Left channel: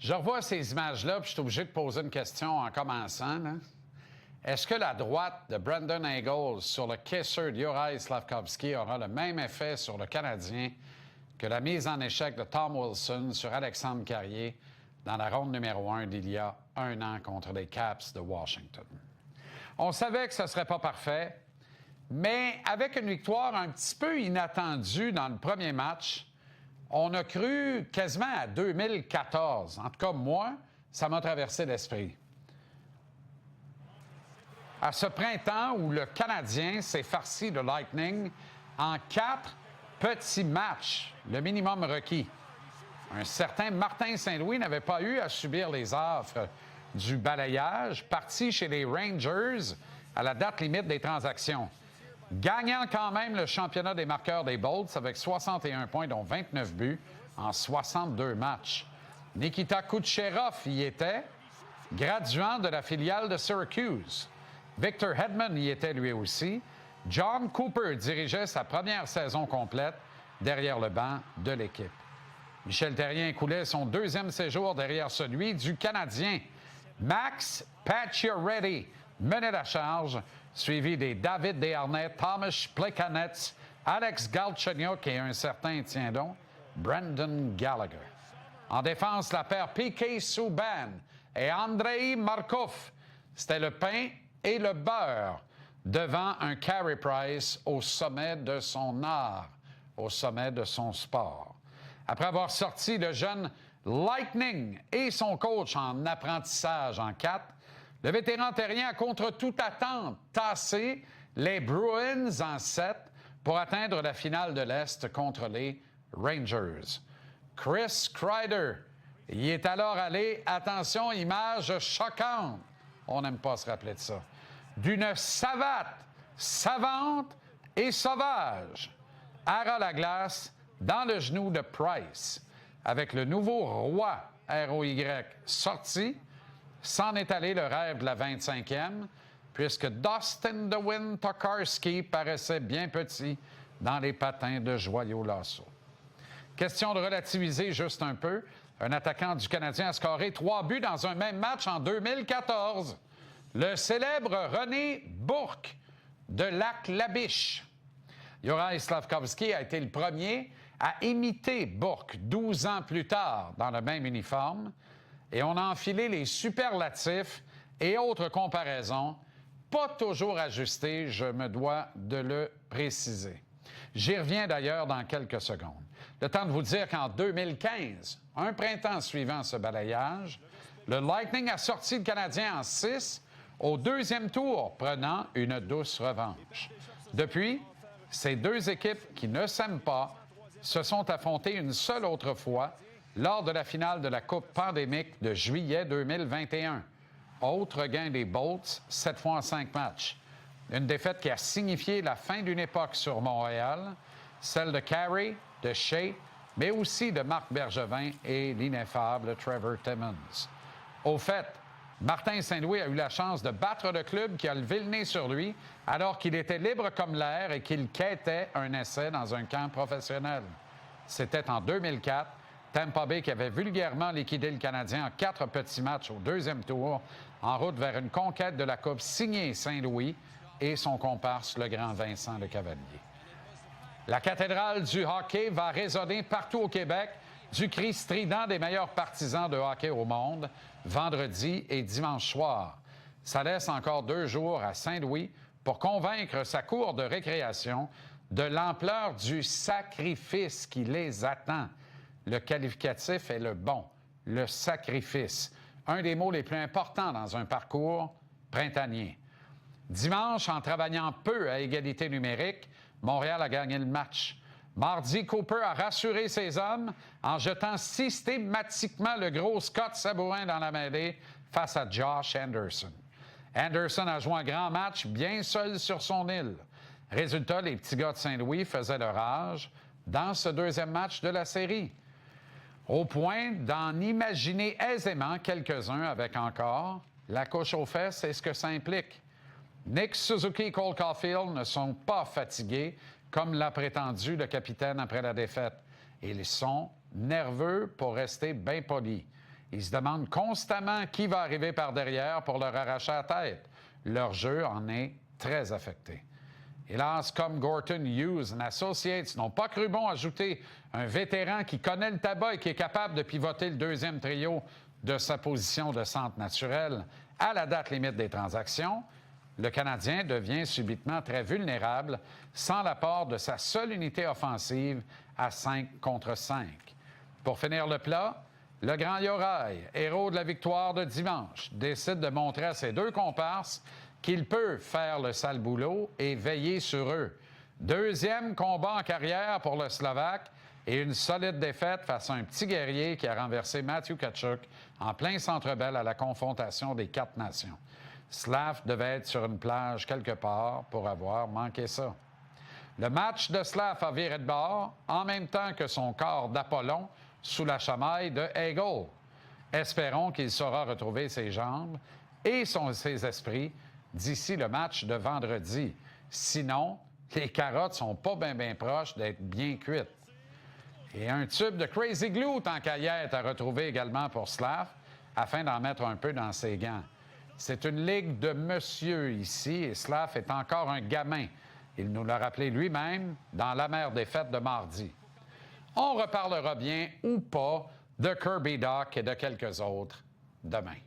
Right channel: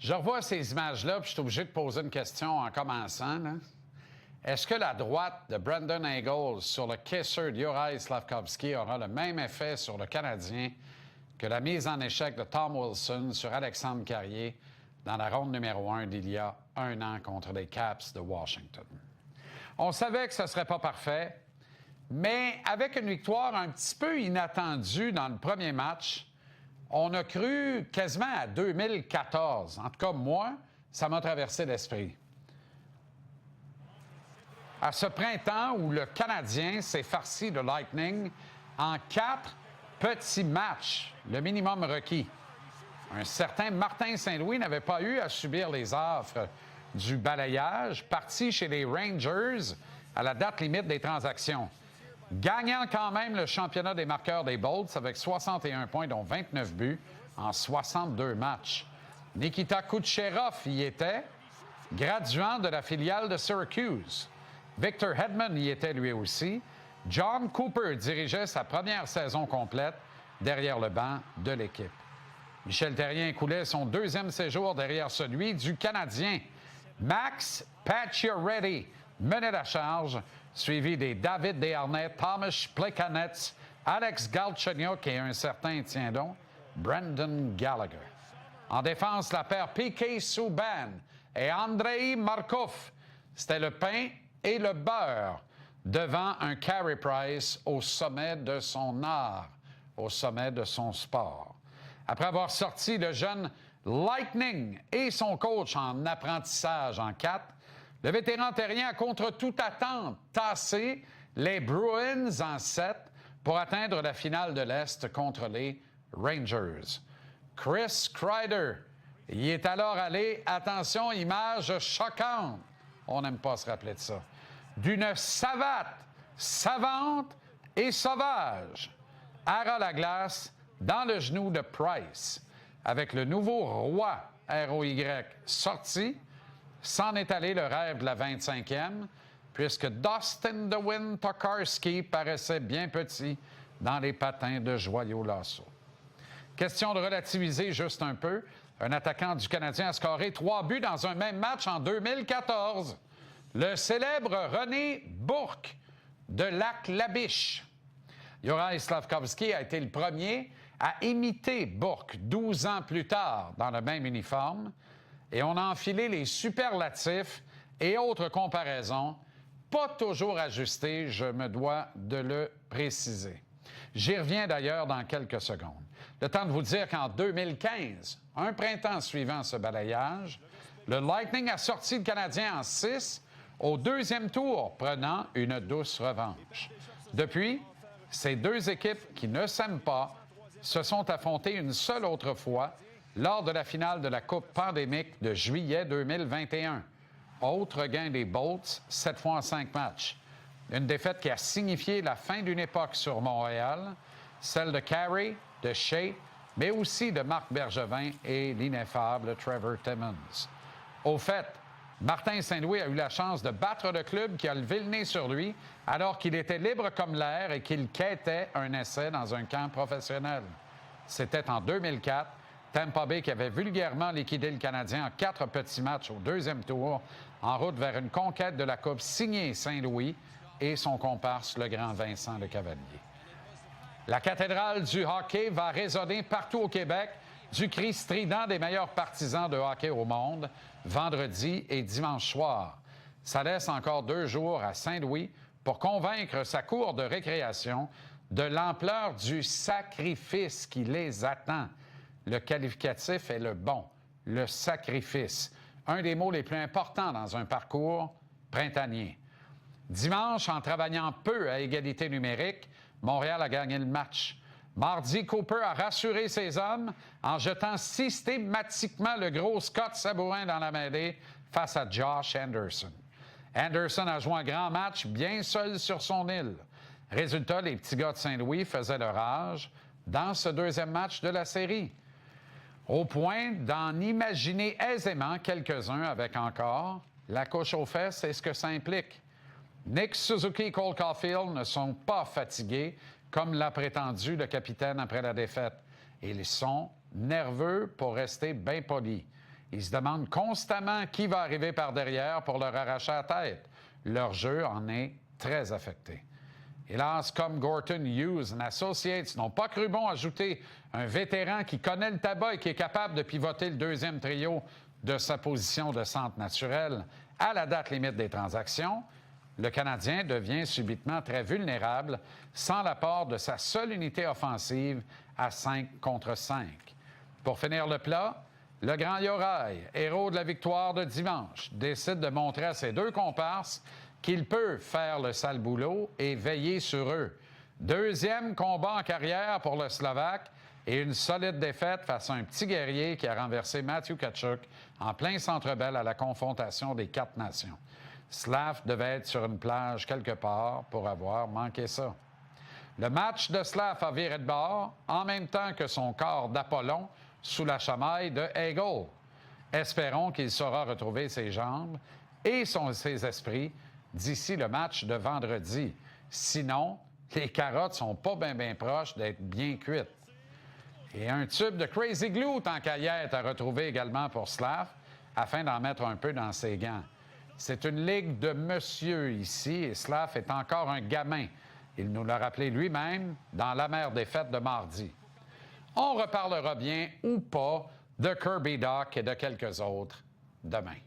Je revois ces images-là, puis je suis obligé de poser une question en commençant. Là. Est-ce que la droite de Brandon Eagles sur le caisseur de Juraj Slafkovský aura le même effet sur le Canadien que la mise en échec de Tom Wilson sur Alexandre Carrier dans la ronde numéro 1 d'il y a un an contre les Caps de Washington? On savait que ce ne serait pas parfait, mais avec une victoire un petit peu inattendue dans le premier match, on a cru quasiment à 2014. En tout cas, moi, ça m'a traversé l'esprit. À ce printemps où le Canadien s'est farci de Lightning en 4 petits matchs, le minimum requis. Un certain Martin Saint-Louis n'avait pas eu à subir les affres du balayage, parti chez les Rangers à la date limite des transactions. Gagnant quand même le championnat des marqueurs des Bolts avec 61 points, dont 29 buts en 62 matchs. Nikita Kucherov y était, graduant de la filiale de Syracuse. Victor Hedman y était lui aussi. John Cooper dirigeait sa première saison complète derrière le banc de l'équipe. Michel Therrien coulait son deuxième séjour derrière celui du Canadien. Max Pacioretty menait la charge, suivi des David Desharnais, Thomas Plekanec, Alex Galchenyuk et un certain, tiens donc, Brendan Gallagher. En défense, la paire Piquet Subban et Andrei Markov. C'était le pain et le beurre devant un Carey Price au sommet de son art, au sommet de son sport. Après avoir sorti le jeune Lightning et son coach en apprentissage en 4, le vétéran terrien a contre toute attente tassé les Bruins en 7 pour atteindre la finale de l'Est contre les Rangers. Chris Kreider y est alors allé, attention, image choquante, on n'aime pas se rappeler de ça, d'une savate, savante et sauvage, hara la glace dans le genou de Price, avec le nouveau roi ROY sorti. S'en est allé le rêve de la 25e, puisque Dustin The Wind Tokarski paraissait bien petit dans les patins de Joyau Lasso. Question de relativiser juste un peu. Un attaquant du Canadien a scoré 3 buts dans un même match en 2014. Le célèbre René Bourque de Lac-la-Biche. Juraj Slafkovský a été le premier à imiter Bourque 12 ans plus tard dans le même uniforme. Et on a enfilé les superlatifs et autres comparaisons, pas toujours ajustés, je me dois de le préciser. J'y reviens d'ailleurs dans quelques secondes. Le temps de vous dire qu'en 2015, un printemps suivant ce balayage, le Lightning a sorti le Canadien en 6 au deuxième tour, prenant une douce revanche. Depuis, ces deux équipes qui ne s'aiment pas se sont affrontées une seule autre fois lors de la finale de la Coupe pandémique de juillet 2021. Autre gain des Bolts, 7 fois en 5 matchs. Une défaite qui a signifié la fin d'une époque sur Montréal, celle de Carey, de Shea, mais aussi de Marc Bergevin et l'ineffable Trevor Timmons. Au fait, Martin Saint-Louis a eu la chance de battre le club qui a levé le nez sur lui alors qu'il était libre comme l'air et qu'il quêtait un essai dans un camp professionnel. C'était en 2004, Tampa Bay qui avait vulgairement liquidé le Canadien en 4 petits matchs au deuxième tour, en route vers une conquête de la Coupe signée Saint-Louis et son comparse, le grand Vincent Lecavalier. La cathédrale du hockey va résonner partout au Québec du cri strident des meilleurs partisans de hockey au monde, vendredi et dimanche soir. Ça laisse encore 2 jours à Saint-Louis pour convaincre sa cour de récréation de l'ampleur du sacrifice qui les attend. Le qualificatif est le bon, le sacrifice. Un des mots les plus importants dans un parcours printanier. Dimanche, en travaillant peu à égalité numérique, Montréal a gagné le match. Mardi, Cooper a rassuré ses hommes en jetant systématiquement le gros Scott Sabourin dans la mêlée face à Josh Anderson. Anderson a joué un grand match bien seul sur son île. Résultat, les petits gars de Saint-Louis faisaient leur âge dans ce deuxième match de la série. Au point d'en imaginer aisément quelques-uns avec encore la couche aux fesses et ce que ça implique. Nick Suzuki et Cole Caulfield ne sont pas fatigués, comme l'a prétendu le capitaine après la défaite. Ils sont nerveux pour rester bien polis. Ils se demandent constamment qui va arriver par derrière pour leur arracher la tête. Leur jeu en est très affecté. Hélas, comme Gorton, Hughes et Associates n'ont pas cru bon ajouter un vétéran qui connaît le tabac et qui est capable de pivoter le deuxième trio de sa position de centre naturel à la date limite des transactions, le Canadien devient subitement très vulnérable sans l'apport de sa seule unité offensive à 5 contre 5. Pour finir le plat, le grand Yoraï, héros de la victoire de dimanche, décide de montrer à ses deux comparses qu'il peut faire le sale boulot et veiller sur eux. Deuxième combat en carrière pour le Slovaque et une solide défaite face à un petit guerrier qui a renversé Matthew Tkachuk en plein Centre Bell à la confrontation des 4 nations. Slav devait être sur une plage quelque part pour avoir manqué ça. Le match de Slav a viré de bord en même temps que son corps d'Apollon sous la chamaille de Hagel. Espérons qu'il saura retrouver ses jambes et ses esprits d'ici le match de vendredi. Sinon, les carottes sont pas bien proches d'être bien cuites. Et un tube de Crazy Glue tant qu'à y être à retrouver également pour Slav afin d'en mettre un peu dans ses gants. C'est une ligue de monsieur ici et Slav est encore un gamin. Il nous l'a rappelé lui-même dans l'amère défaite de mardi. On reparlera bien ou pas de Kirby Dach et de quelques autres demain.